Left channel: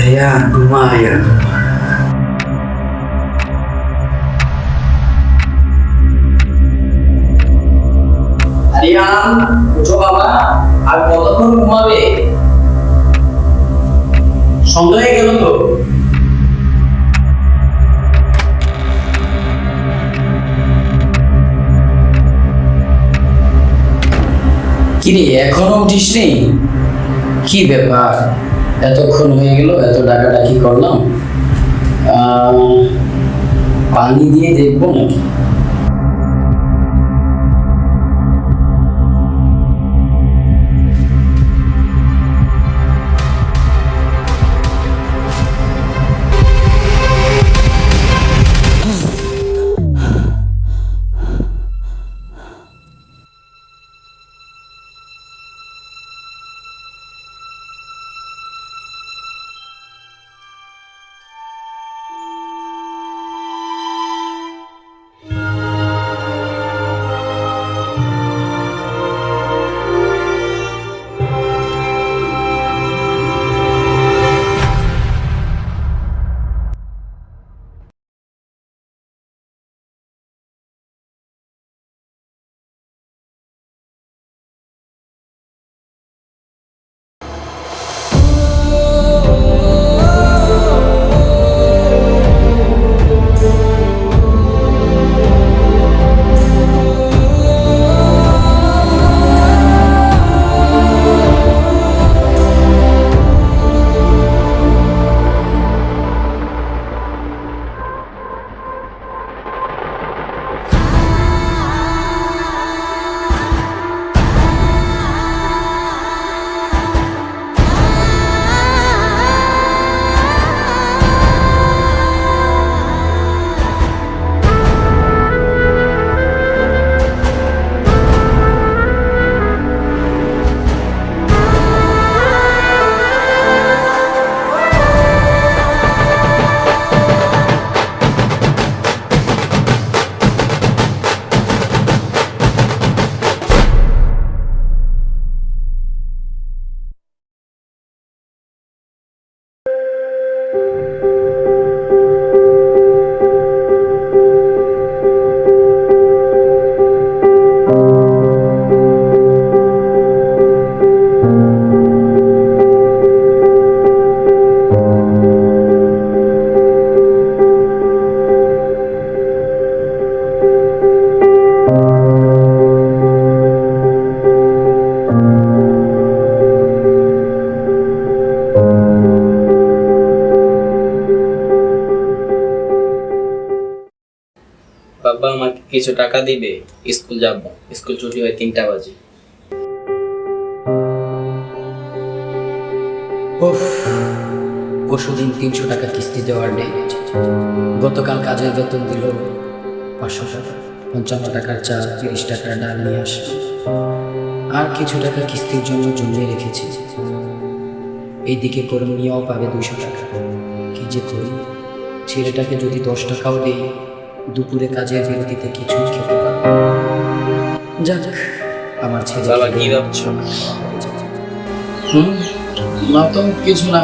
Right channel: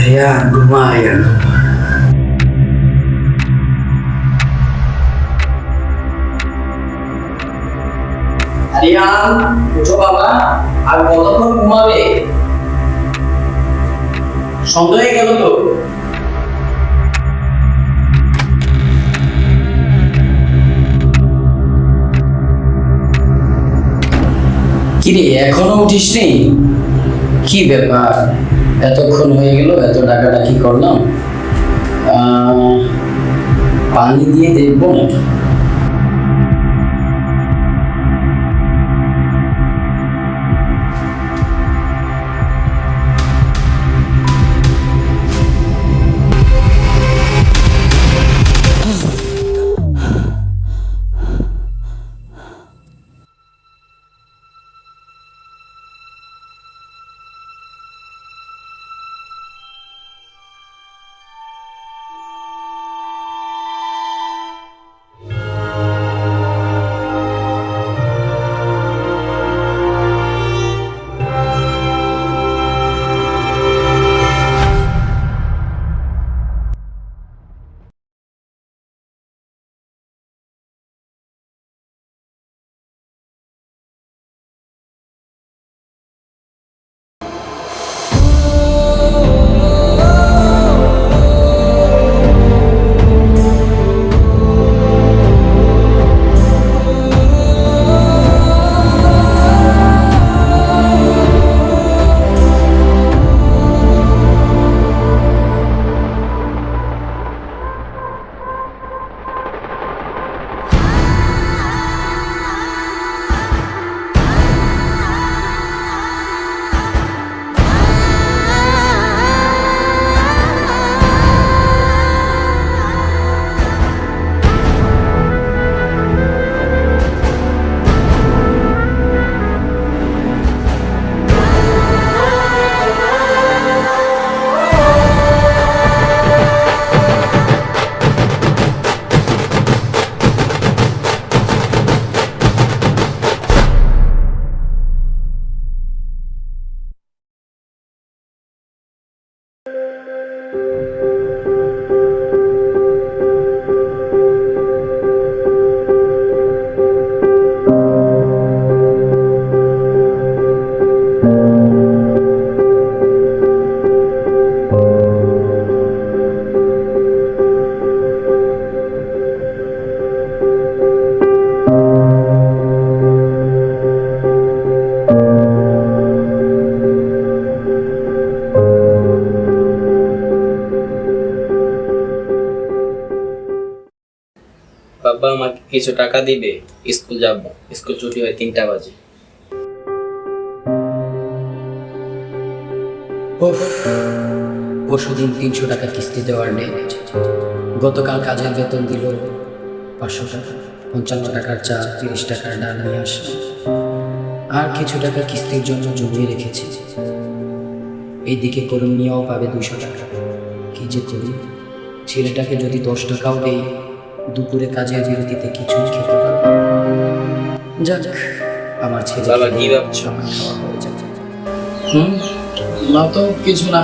Rian, ঘুমা Rian, ঘুমা। আরিয়ান, উঠো বাবা। আর কতক্ষণ ঘুমাবে? সন্ধ্যা হয়ে গেল তো। কিরে, এখনো উঠিসনি? কি ব্যাপার, এতক্ষণ হয়ে গেল, এত ডাকাডাকি করলাম। পানি দিয়ে দেখবো নাকি? বাবা আমাকে কিছু টাকা দিবে, স্কুল যাব। স্কুল ছুটি হয় 3টা বাজে। পরশুদিন 300 টাকা কিস্তি দেওয়ার ডেট। গতকাল কাজের বেতন দিল 500 টাকা, 55 টাকার চা, 30 টাকার ডাল নিয়ে আসে। আর কিছু টাকা কিস্তির জন্য জমিয়ে রেখেছি। এইদিকে করম নিয়েও পাবে 200 টাকা। কি যে করি, ছেলেটাকে যদি 10 টাকাও দেই, দুপুরে কাজের বিরতিতে কিছুই খেতে পারবে। যাক, আমার ছেলে। বাবা কি ভাবছো? না তো কিছু না,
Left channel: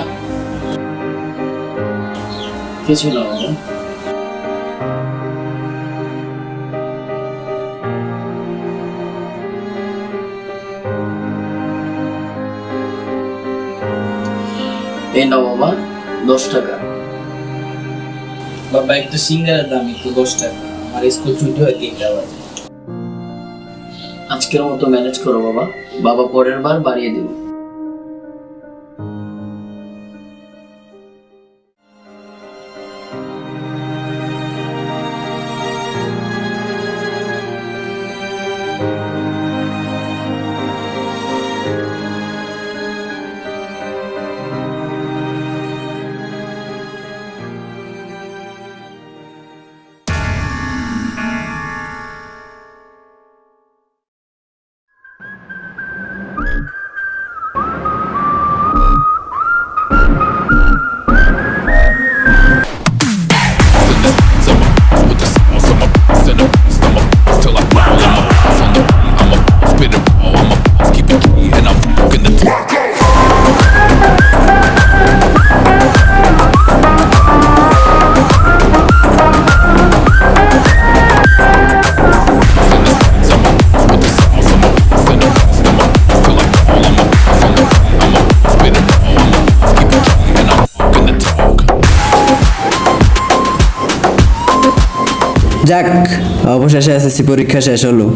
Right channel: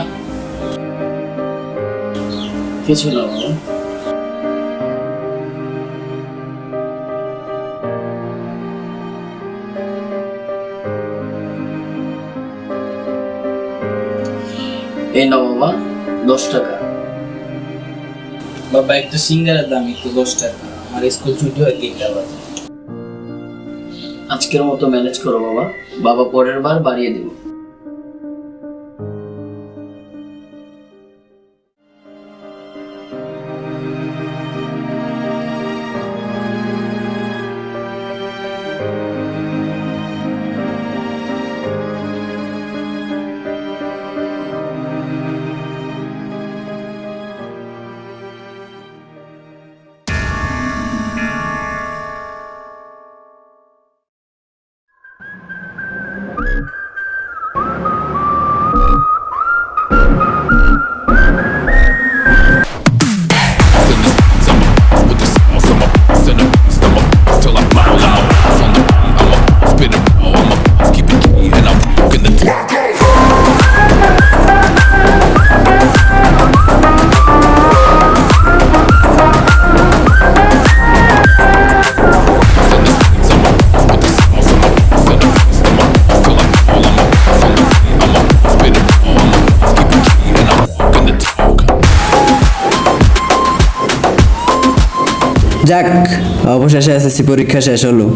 কিছু না বাবা। এই নাও বাবা, 10 টাকা। বাবা একটা সিঙ্গারের দাম একটু 10 টাকা। আমার স্কুল ছুটি হয় 3টা বাজে। আজকের মতো ম্যানেজ করো বাবা, বাবা পরের বার বাড়িয়ে দেব। যাক, অবশেষে এসএসসি পরীক্ষা শেষ হলো।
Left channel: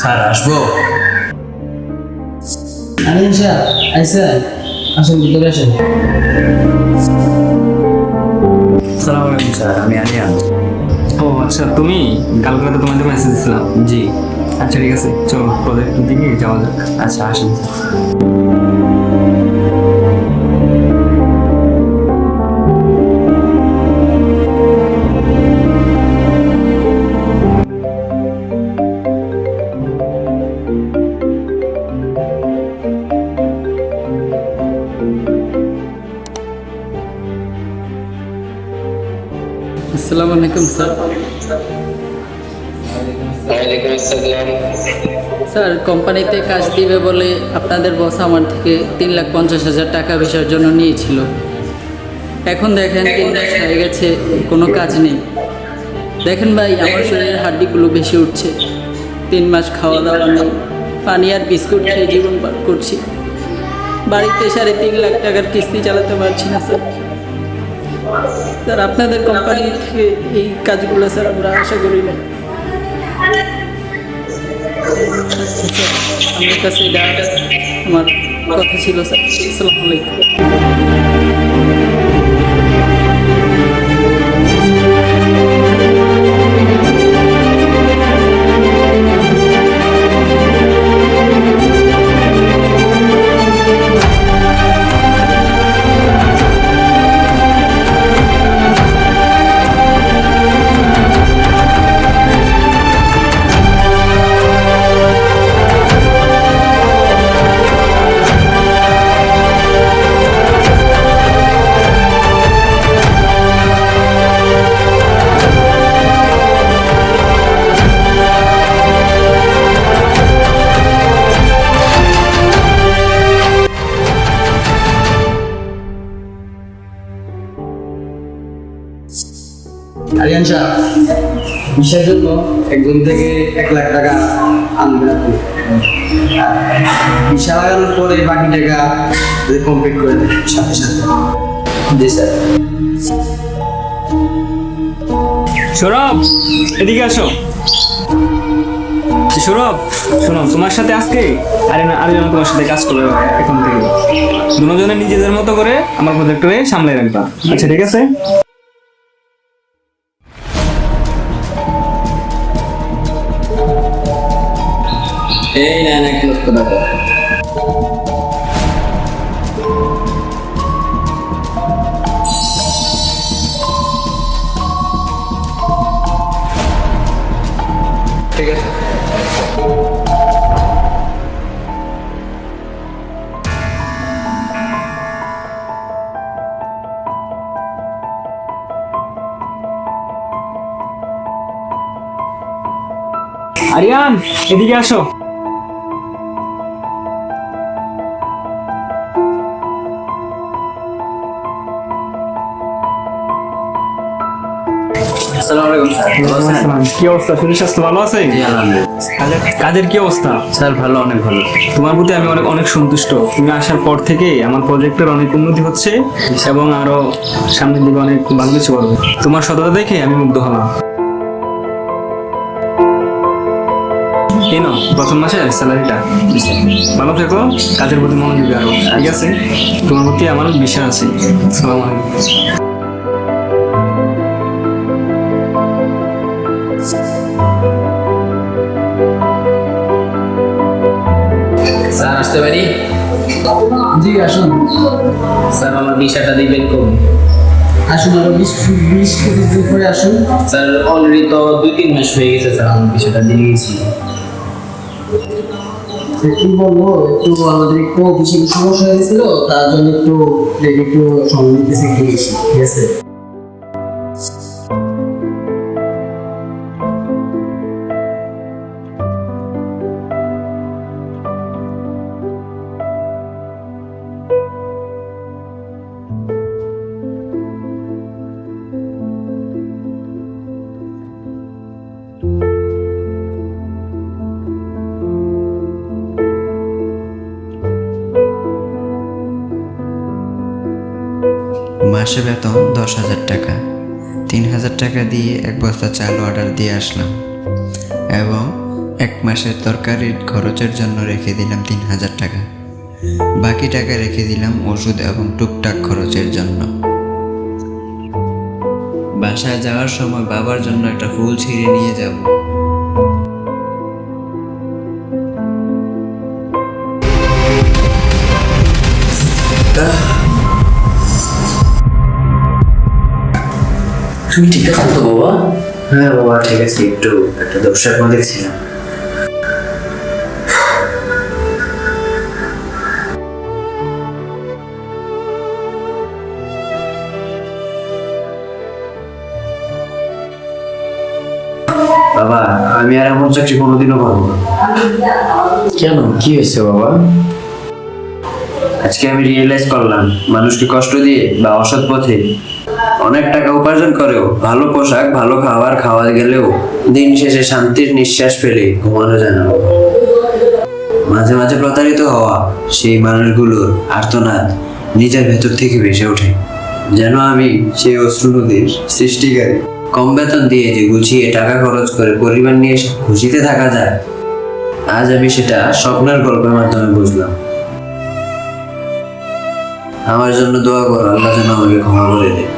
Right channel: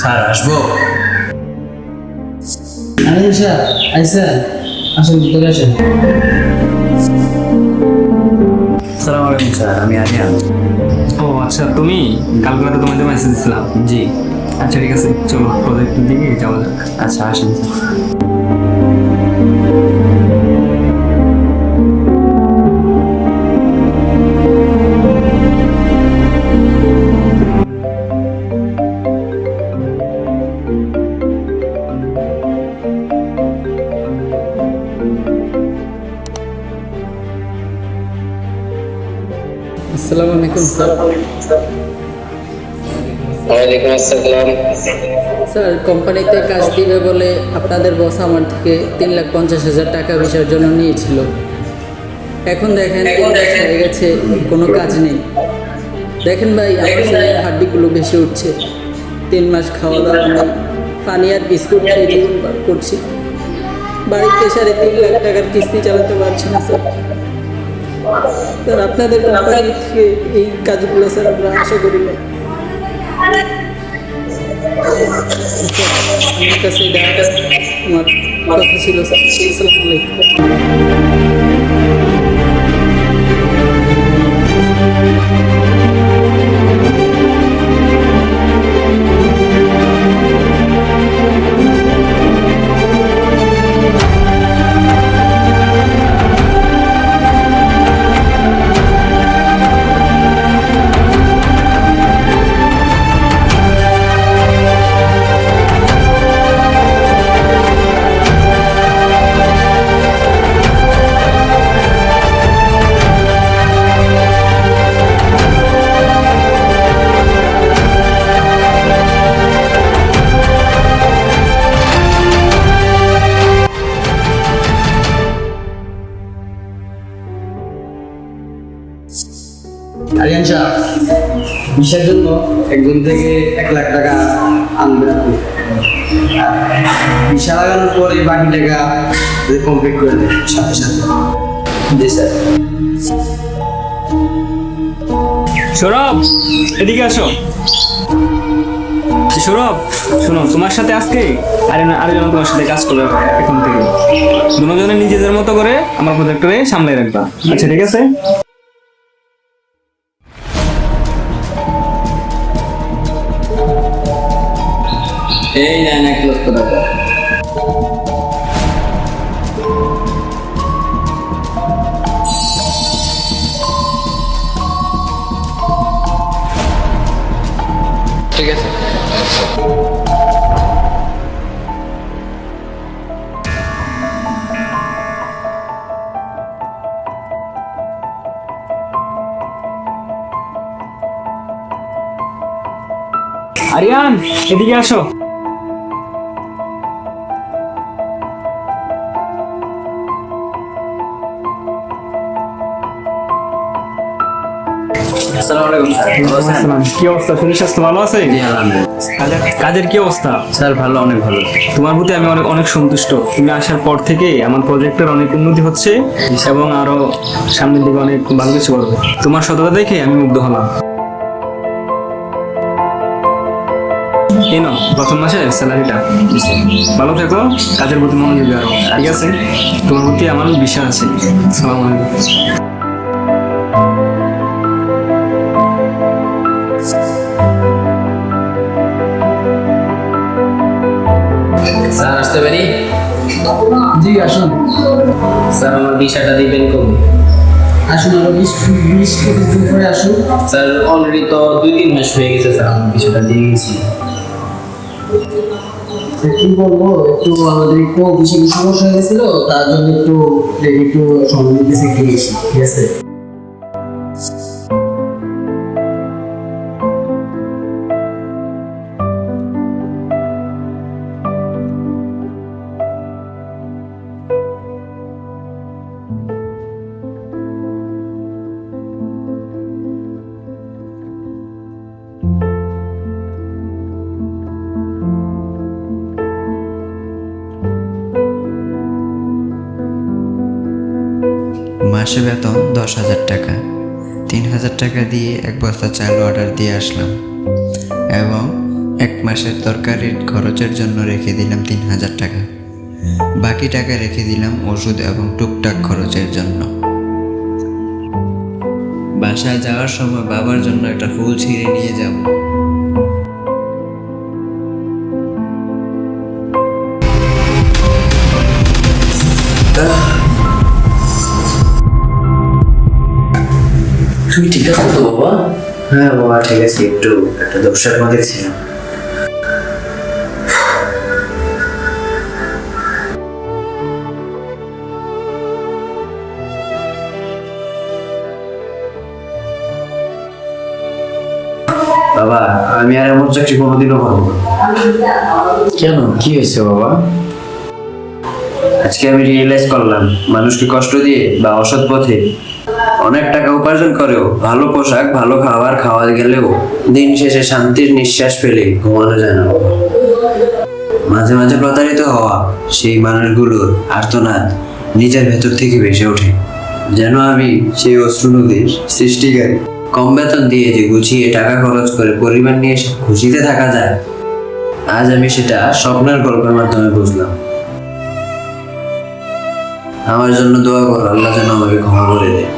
স্যার আসবো? আরিয়ান স্যার আইসেন, আসেন ভিতরে আসেন। আসসালামু আলাইকুম স্যার, আমি আরিয়ান। ও আচ্ছা, তুমি কালকে রাতে তোমাদের মেসেজ দিছিলাম। জি। আচ্ছা ঠিক আছে, চলো প্রজেক্টের দিকে যাওয়া যাক। আচ্ছা আসেন স্যার। আসসালামু আলাইকুম স্যার। ওয়ালাইকুম আসসালাম। স্যার, কোম্পানিতে কাজ দিবে বলে আপনাদের বস আমার থেকে 3,50,000 টাকা ভিসার জন্য নিয়েছিল। এখন দেখেন 3 মাস হয়ে গেছে, কোনো কাজ নেই। দেখেন ভাই, আমার শরীরের হাড্ডিগুলো বেশি উঠছে। 3 মাস খাওয়া দাওয়া নেই, পানি আর বিস্কুট খেয়ে জীবন পার করছি। বাড়িতে 3.5 লাখ টাকার কিস্তি চালাতে পারছি না স্যার। স্যার, আপনাদের কোম্পানি থেকে এই কাজগুলো স্যার আমরা আশা করি না। আমার কাছে এটা আমার কথা ছিল স্যার। আসসালামু আলাইকুম। আরিয়ান সাহেব, ভিসার জন্য একজন থেকে 1 লাখ টাকা আনবেন আপনি। ভিসা লাগানোর পরে বাকি টাকা কমপ্লিট করে দেন সাথে সাথে। জি স্যার। সৌরভ, এদিকে আসো। সৌরভ শোনো, তোমার সাথে আজকে আরেকজন তোমার সাথে কাজ করবে এখন থেকে। দুজনে নিজেদের মতো করে আমার প্রজেক্টরে সামলাই রাখবা। আচ্ছা ঠিক আছে। এই নেন 1 লক্ষ টাকা। ঠিক আছে। আরিয়ান, এদিকে আসো। আসসালামু আলাইকুম স্যার, ভালো আছেন? আসসালাম। কি অবস্থা, শরীর স্বাস্থ্য ভালো আছে? জি আলহামদুলিল্লাহ। কাজের কি অবস্থা? স্যার ভালো, অনেক ভালো। তোমার প্রতি আমি অনেক অনেক সন্তুষ্ট। তুমি আসার পর থেকে আমার প্রজেক্টের অনেক উন্নতি হচ্ছে এবং আরো সামনের দিকে অনেক ভালো কিছু করবে। তোমার সততা দেখে আমি মুগ্ধ হলাম। এই নাও প্রথম মাসের স্যালারিটা। ভালো থেকো, কাজের প্রতি মনোযোগী আরো, ঠিক আছে? তোমার প্রতি আমার বিশ্বাস আছে। আসসালামু আলাইকুম। স্যার আসতে পারি? জি আসুন। স্যার আমার ভিসাটা দিবেন কবে? আসুন, আরো 20-25 দিন পরে আসুন। স্যার অলরেডি তো 2-3 মাস হয়ে গেছে স্যার, আমার ভিসাটা দিয়ে গেছি। কি বলবো, একটু আমাদের একটু অফিসে সমস্যা হয়েছিল, তার জন্য একটু সময় নিতেছে, একটু বেশি, ঠিক আছে? মাসে বেতন 10,000 টাকা। 3,000 টাকা দিয়ে এক বস্তা চাল অর্ডার দিয়ে আসলাম এবং এক মাসের তরকারির খরচের জন্য রেখে দিলাম 3,000 টাকা। বাকি টাকা রেখে দিলাম ওষুধ এবং টুকটাক খরচের জন্য। বাসায় যাওয়ার সময় বাবার জন্য একটা ফুল ছিঁড়ে নিয়ে যাব। তুমি ঠিক আছো তো বাবা? হ্যাঁ বাবা ঠিক আছে, একটু একটা দোষের মধ্যে ছিলাম। বাবা আমি আর এমন চাকরি কোনোদিনও পারবো না। কেন, কি হয়েছে বাবা? আজকে আমি রিয়েলাইজ করলাম, মানুষকে কষ্ট দিয়ে বা অসৎ পথে অনেক টাকা উপার্জন করেও, ভালো পোশাক ভালো খাবার খাওয়া গেলেও দিন শেষে শান্তির নিঃশ্বাস ফেলে ঘুমানো যায় না বাবা। মাঝে মাঝে প্রতারিত হওয়া সেই মানুষগুলোর আর্তনাদ নিজের ভেতর থেকে ভেসে ওঠে, যেন আমি সেই অশ্রু নদীর সৃষ্টিকারী। কম বেতন দিয়ে যে গুছিয়ে টাকা খরচ করে পরিবার নিয়ে খুশিতে থাকা যায়, আজ আমি সেটা স্বপ্নের গল্পের মাধ্যমে বুঝলাম। আমার জন্য দোয়া করো, আল্লাহ যেন আমাকে ক্ষমা করে দেয়।